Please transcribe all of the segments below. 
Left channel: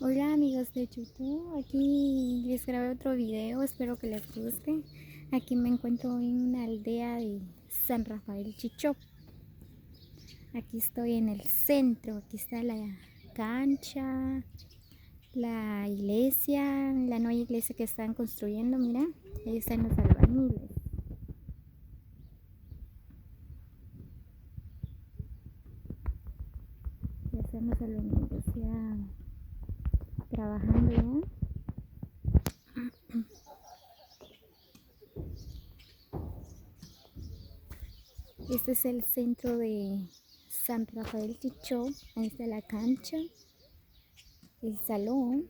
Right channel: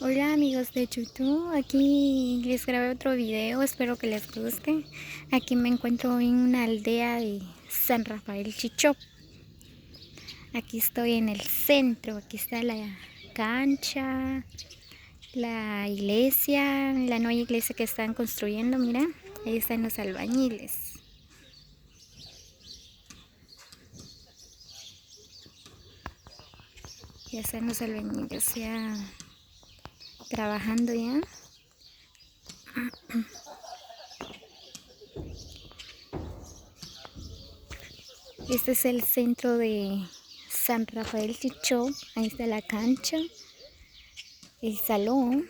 Hola amigos de YouTube, aquí les grabé otro video, espero que les guste. Aquí me encuentro en una aldea de San Rafael Chichó. Aquí estoy en el centro, aquí está la cancha, la iglesia, la nueva iglesia que están construyendo, mira, ahí están los albañiles. Ya están los albañiles ya trabajando ya. Este es el centro de San Rafael Chichó. Ahí está la cancha, el salón.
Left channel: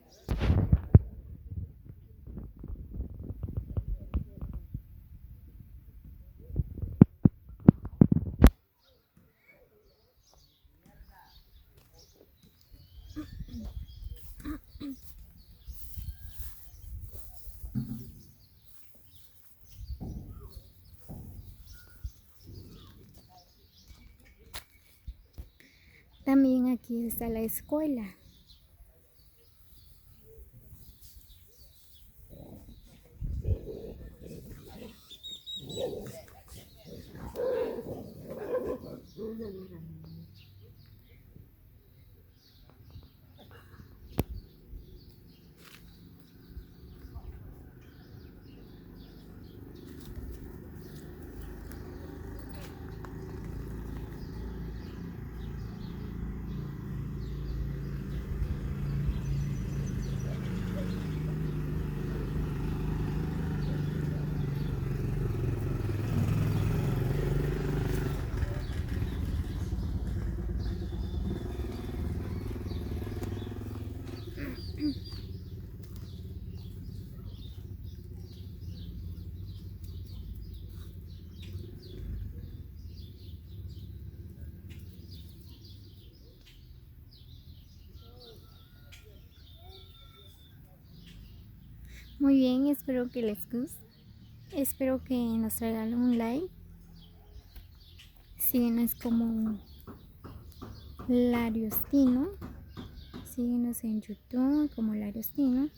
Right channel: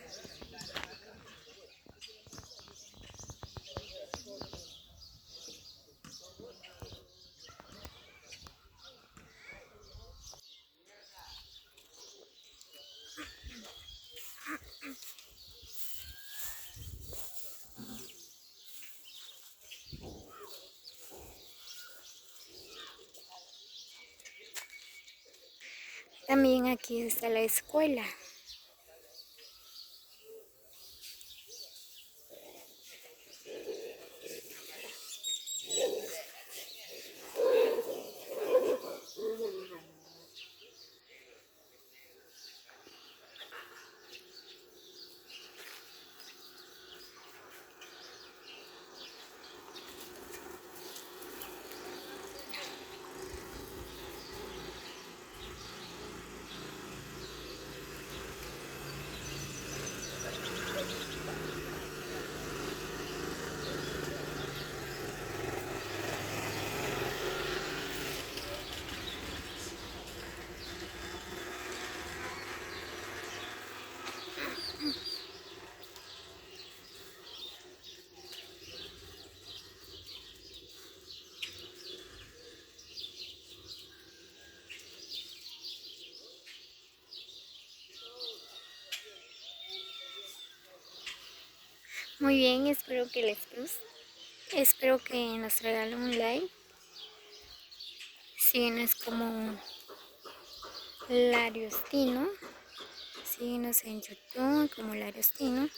También aquí está la escuela. Muy bien, espero que les guste. Espero que nos regalen un like. Síguenos como Lariostino. Síguenos en YouTube como Lariostino.